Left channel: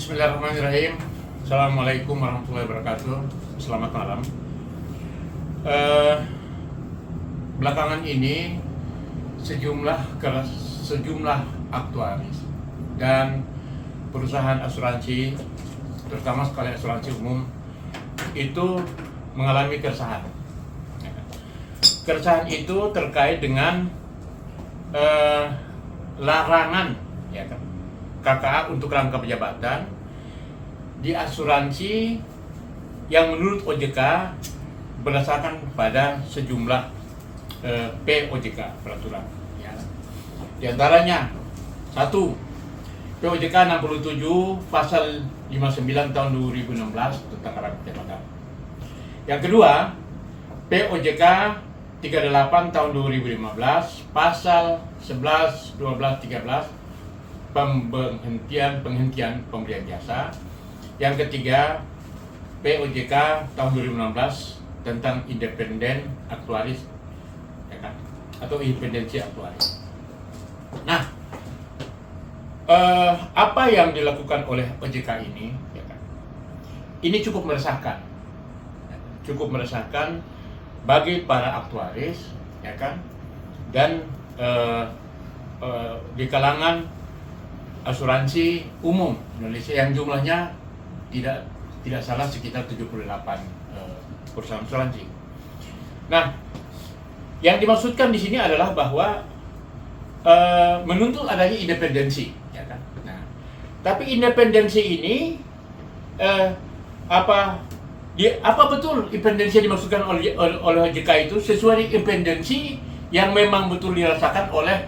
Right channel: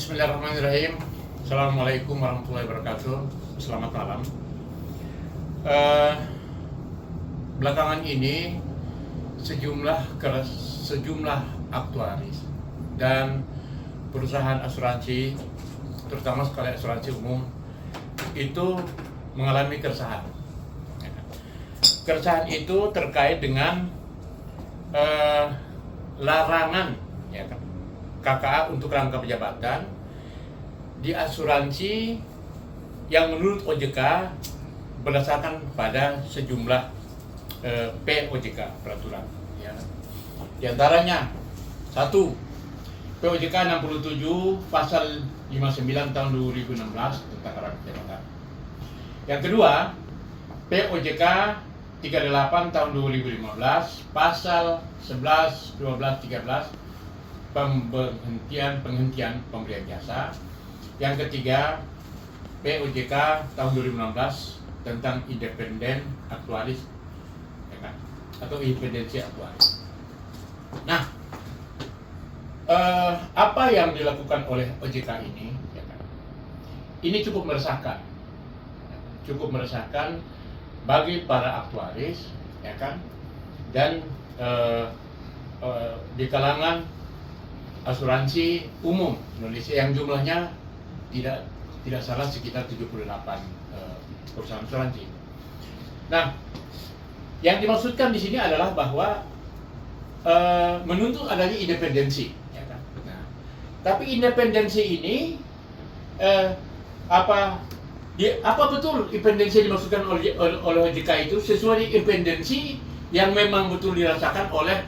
Bismillahirrahmanirrahim. Assalamualaikum warahmatullahi wabarakatuh. Selamat malam. Belakangan ini sejumlah aktuaris dan perusahaan asuransi, terutama sekali asuransi umum, itu mengalami keresahan. Keresahan itu terkait dengan larangan, ya kan, KKA untuk rangkap jabatan di asuransi yang menurut OJK berdasarkan pada sejumlah POJK peraturan. Ya. Di antaranya 1. POJK 67 pasal 59 tahun 2016 tentang rangkap jabatan. Yang kedua, POJK 38 tahun 2015 pasal 11, 12, 13 penghentian pemberian jasa. Yang ketiga, POJK tahun 2016 tentang independen aktuaris, ya kan? Atau independensi aktuaris. Nah, apa yang dilakukan oleh OJK ini, ya kan? Ini cukup meresahkan, bagi para aktuaris, ya kan? Dan di kalangan asuransi umum Indonesia yang jumlahnya tidak salah sekitar 78 perusahaan asuransi. Nah, yang dimaksudkan di sini adalah bahwa menuntut adanya independensi, ya kan? Nah, tapi independensi ini apa betul independensi yang dimaksudkan oleh OJK itu sesuai independensi yang memang betul dirasakan oleh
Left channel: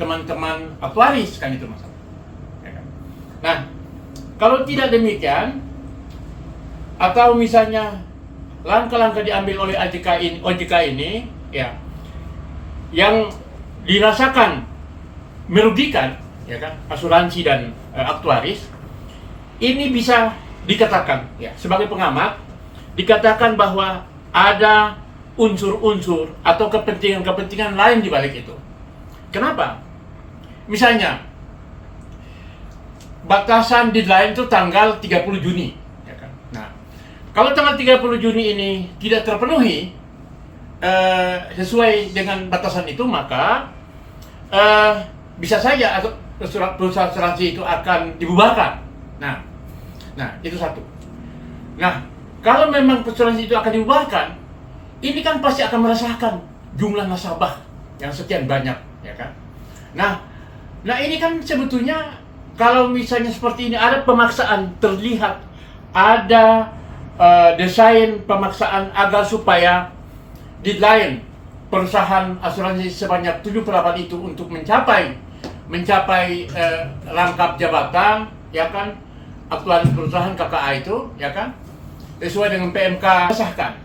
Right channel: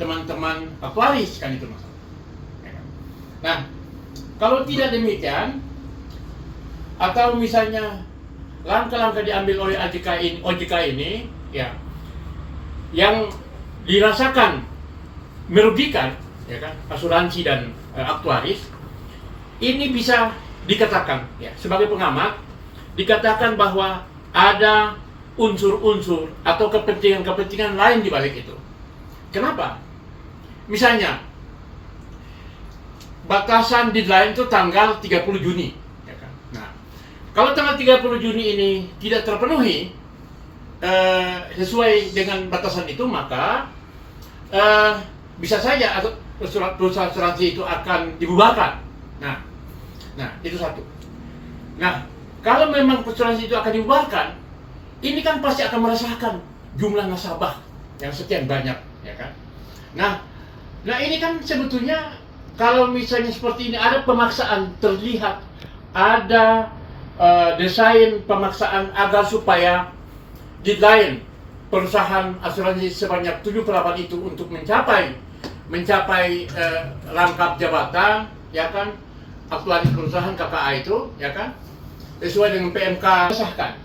teman-teman aktuaris, kan itu masalah. Ya kan? Nah, kalau tidak demikian, atau misalnya langkah-langkah diambil oleh OJK ini, ya, yang dirasakan merugikan, ya kan, asuransi dan aktuaris, ini bisa dikatakan, ya, sebagai pengamat, dikatakan bahwa ada unsur-unsur atau kepentingan-kepentingan lain di balik itu. Kenapa? Misalnya, batasan deadline itu tanggal 30 Juni. Ya kan? Nah, kalau tanggal 30 Juni ini tidak terpenuhi sesuai dengan batasan itu, maka bisa saja atau perusahaan asuransi itu akan dibubarkan. Nah, itu satu. Nah, kalau memang asuransi itu akan dibubarkan, ini kan pasti akan merasakan jumlah nasabah yang sekian banyak. Ya kan? Nah ini kan sebetulnya kalau misalnya seperti ini ada pemaksaan, terlihat ada desain pemaksaan agar supaya deadline perusahaan asuransi sebanyak 7/8 itu untuk mencapai rangkap jabatan, ya kan, aktuaris perusahaan KKA itu, ya kan, sesuai dengan PMK sahkan.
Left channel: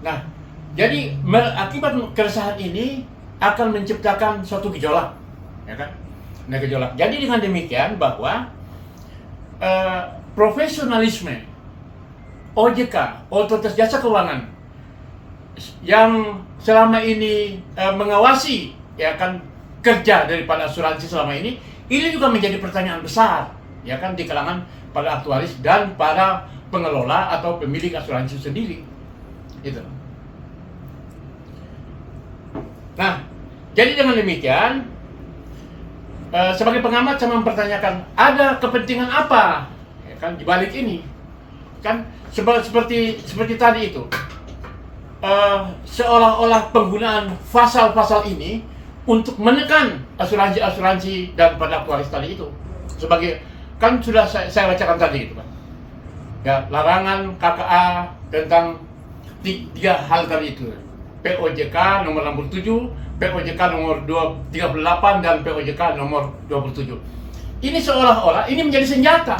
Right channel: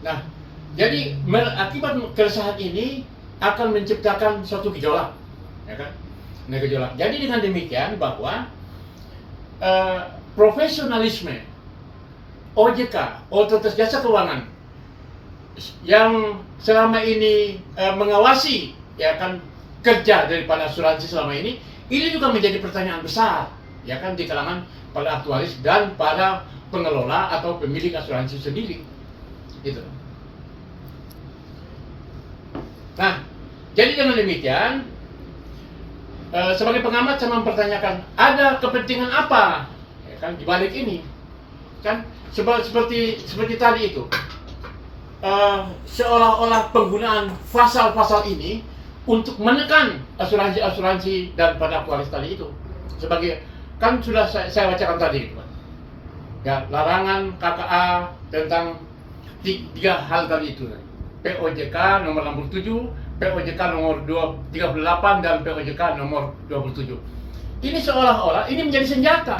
Nah, jadi akibat keresahan ini akan menciptakan suatu gejolak, ya kan? Nah, gejolak. Jadi dengan demikian bahwa profesionalisme OJK, Otoritas Jasa Keuangan, yang selama ini mengawasi, ya kan, kerja daripada asuransi selama ini juga menjadi pertanyaan besar, ya kan, di kalangan para aktuaris dan para pengelola atau pemilik asuransi sendiri, gitu. Nah, jadi dengan demikian, sebagai pengamat saya mempertanyakan, ada kepentingan apa, ya kan, di balik ini, kan, seperti tadi itu, seolah-olah penggunaan pasal-pasal ini untuk menekan asuransi dan pada aktuaris tadi itu, sebagai, kan sudah saya bacakan tadi itu, kan, ya, larangan KKA tentang 3 hal tadi itu. POJK nomor 67, POJK nomor 38, dan POJK nomor 27. Ini seolah-olah ini menjadi senjata.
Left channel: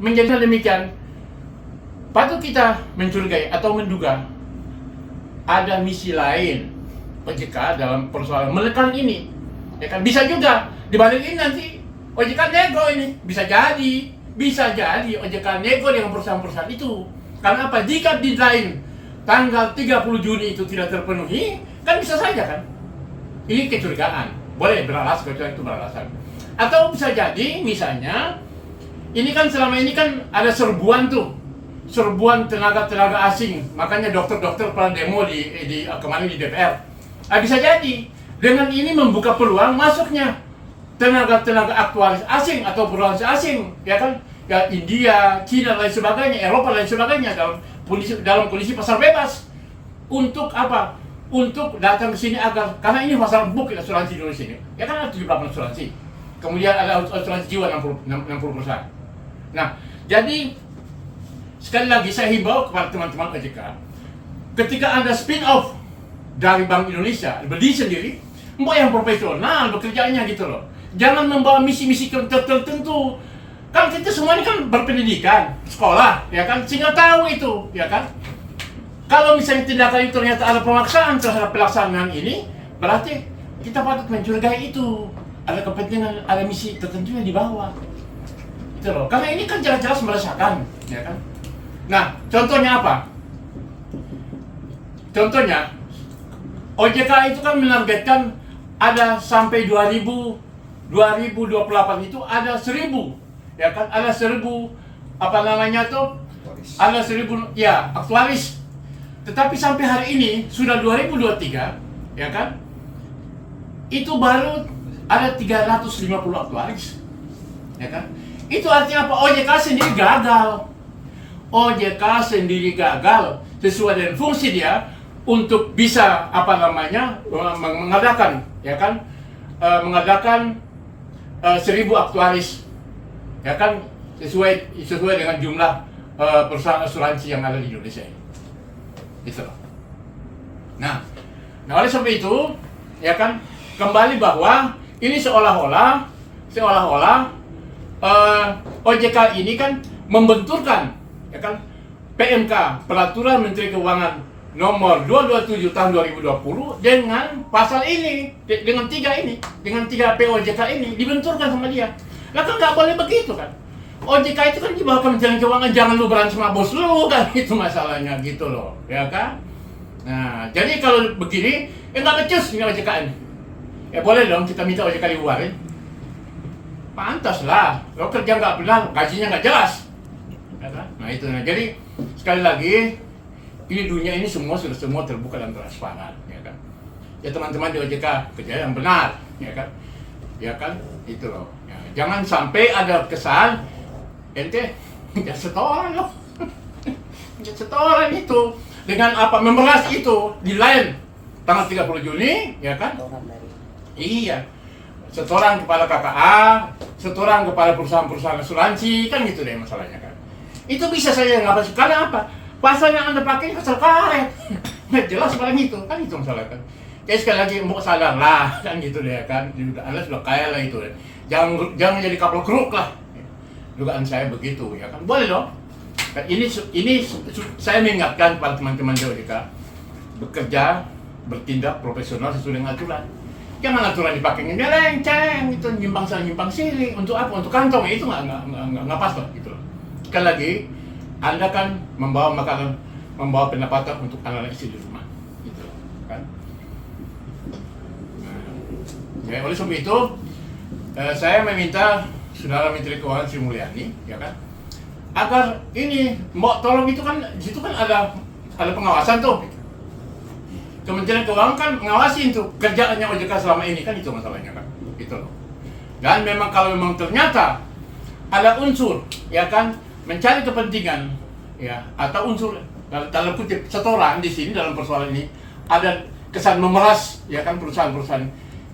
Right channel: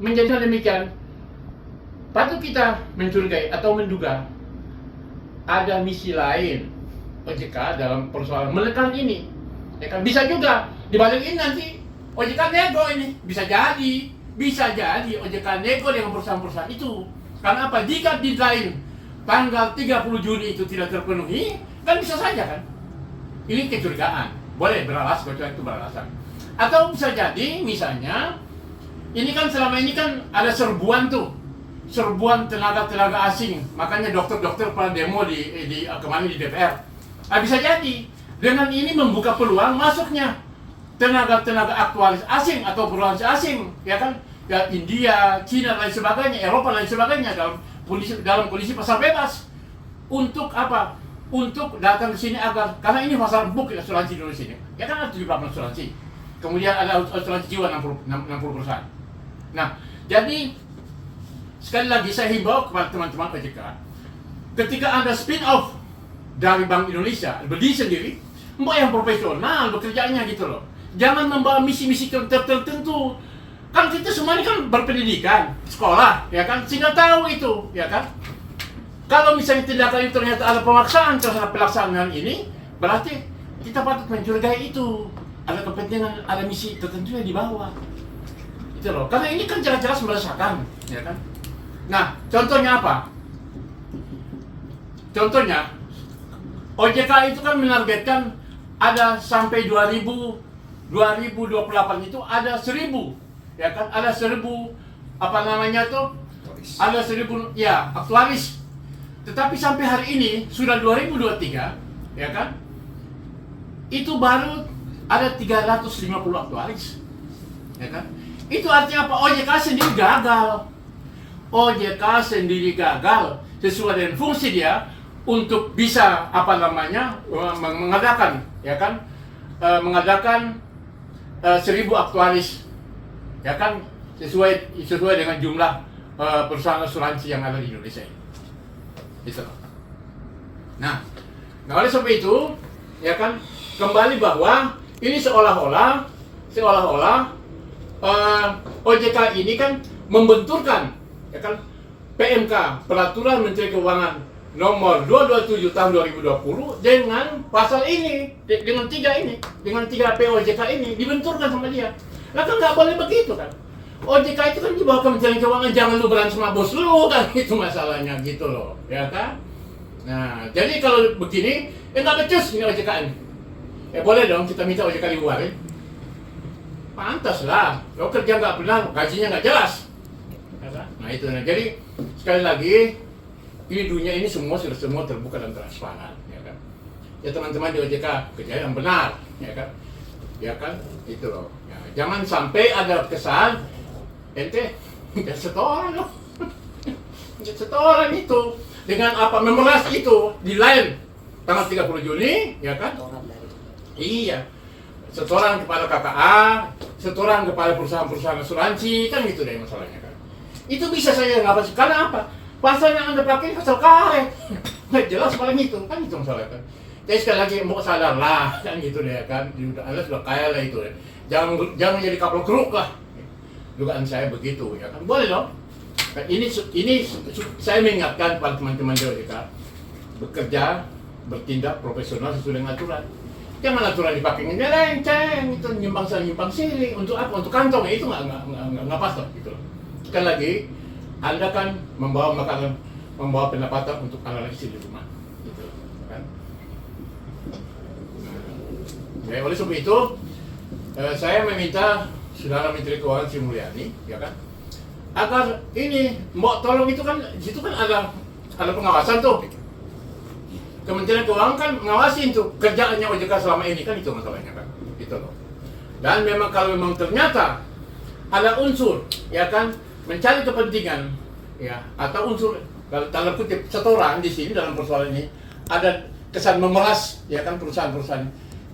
Menjadi demikian, patut kita mencurigai atau menduga ada misi lain OJK dalam persoalan menekan ini. Ya kan, bisa juga dibalik ini nanti OJK nego ini. Bisa jadi OJK nego dengan perusahaan-perusahaan itu. Karena apa? Jika deadline tanggal 30 Juni itu tidak terpenuhi, kan bisa saja, kan? Ini kecurigaan. Boleh beralasan, kecuali itu beralasan. Atau bisa jadi misalnya ini kan selama ini kan ada serbuan tuh, serbuan tenaga-tenaga asing, makanya dokter-dokter pada demo di kemarin di DPR. Bisa jadi dengan ini membuka peluang masuknya tenaga-tenaga aktuaris asing atau perusahaan asing, ya kan? Ya India, Cina dan lain sebagainya, Eropa dan lain sebagainya dalam kondisi pasar bebas. Untuk apa? Untuk datang ke sini agar, karena ini pasar book asuransi di Indonesia ini. Ya kan ada 78 asuransi. Kemudian ada asuransi jiwa 60%. Nah, jadi sekali lagi saya himbau kepada teman-teman OJK, ketika Anda spin off dari Bank Indonesia, berdiri sendiri, mau yang profesional bekerjanya gitu loh. Jangan membawa misi-misi tertentu. Kan kita semua ini kan berpendidikan, sekolah, ya kan, sehingga tahu itu, ya kan. Kalau misalnya tindakan itu ternyata ada pemaksaan terhadap pelaksanaan ini, berarti kita patut mencurigai itu. Ada kepentingan, ada misi tertentu yang dibawa. Gitu loh. Karena ini kan jelas-jelas meresahkan, ya kan. Nah, contohnya apa? Contohnya, OJK itu kan menargetkan ada sampai 2028 itu ada 1000, ya kan? Ada 1000 apa namanya tuh? Ada 1000 ya aktuaris. Tetapi sampai hari ini sudah 2023, ya kan? Itu baru ada 350 aktuaris, ya kan? Itu artinya apa? OJK sendiri gagal. OJK sendiri gagal sesuai dengan fungsi dia untuk bisa apa namanya mengadakan, ya kan? Mengadakan 1000 aktuaris, ya kan? Sesuai dengan jumlah perusahaan asuransi yang ada di Indonesia ini. Gitu loh. Nah oleh sebab itu, ya kan, kembali bahwa ini seolah-olah OJK ini kan membenturkan, ya kan, PMK, Peraturan Menteri Keuangan nomor 227 tahun 2020 dengan pasal ini, dengan 3 POJK ini dibenturkan sama dia. Lah kan nggak boleh begitu kan. OJK itu kan di bawah Kementerian Keuangan, jangan lu berantem sama bos lu kan, itu masalahnya gitu loh, ya kan. Nah, jadi kalau begini, nggak becus ini OJK ini. Ya boleh dong kita minta OJK dibuarin. Pantas lah, lo kerja nggak benar, gajinya nggak jelas. Ya kan? Nah itu, nah jadi sekali lagi, ini dunia ini semua terbuka dan transparan, ya kan. Ya teman-teman di OJK kerja yang benar, ya kan. Ya kan, itu loh. Ya, jangan sampai ada kesan ente jadi setoran loh. Jadi setoran itu dengan apa memeras itu di lain tanggal 30 Juni, ya kan? Iya. Setoran kepada KKA, setoran kepada perusahaan-perusahaan asuransi, kan gitu deh masalahnya kan. Itu bisa saja ngapa sih? Karena apa? Pasal yang Anda pakai pasal karet. Nggak jelas paling itu, kan itu masalah kan. Jadi sekali lagi mau sadar lah, kan gitu deh kan. Anda sudah kaya lah itu deh. Jangan jadi kapal keruk lah. Dugaan saya begitu, ya kan. Boleh dong. Dan ini saya mengingatkan kepada teman-teman di OJK, bekerja, bertindak profesional sesuai dengan aturan. Jangan aturan dipakai dia lenceng, itu nyimpang sana nyimpang sini. Untuk apa? Untuk kantong, ya itu nggak pas lah gitu loh. Sekali lagi, Anda kan membawa pendapatan untuk anak istri di rumah, gitu kan. Nah, ya oleh sebab itu, saya meminta Saudara Menteri Keuangan Sri Mulyani, ya kan, agar ini mau tolong itu kan, di situ kan ada pengawasan tuh. Kementerian Keuangan kan mengawasi itu kerjaannya OJK selama ini, kan itu masalahnya kan, gitu loh. Dan memang kalau memang ternyata ada unsur, ya kan, mencari kepentingan, ya, atau unsur dalam kutip setoran di sini dalam persoalan ini ada kesan memeras, ya kan, perusahaan-perusahaan,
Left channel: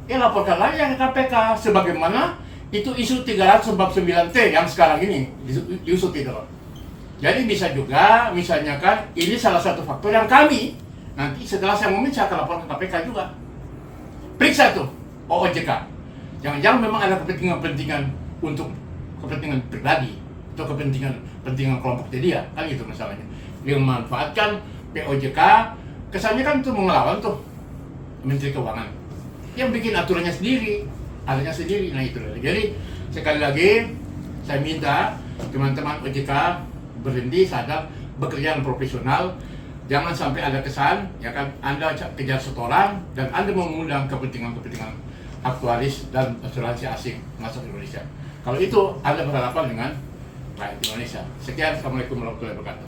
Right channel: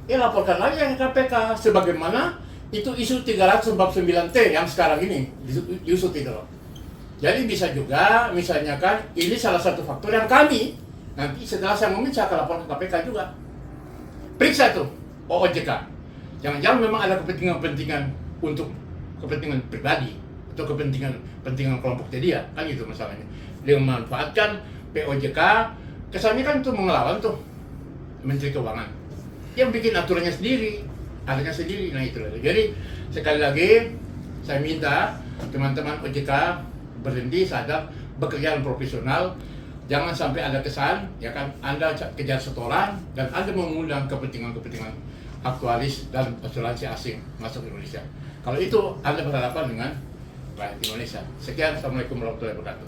ya laporkan aja ke KPK sebagaimana itu isu 349T yang sekarang ini diusut gitu loh. Jadi bisa juga misalnya kan ini salah satu faktor yang kami nanti setelah saya ngomongin saya akan lapor ke KPK juga. Periksa tuh OJK. Jangan-jangan memang ada kepentingan untuk kepentingan pribadi atau kepentingan kelompok dia, kan gitu masalahnya. Dia memanfaatkan POJK, kesannya kan tuh melawan tuh Menteri Keuangan. Yang bikin aturannya sendiri, alatnya sendiri. Nah itu. Jadi sekali lagi saya minta teman-teman OJK berhenti, sadar, bekerja yang profesional. Jangan sampai ada kesan, ya kan, Anda kejar setoran dan Anda mengundang kepentingan aktuaris dan asuransi asing masuk Indonesia. Kalau itu Anda berhadapan dengan rakyat Indonesia. Sekian, Assalamualaikum warahmatullahi wabarakatuh.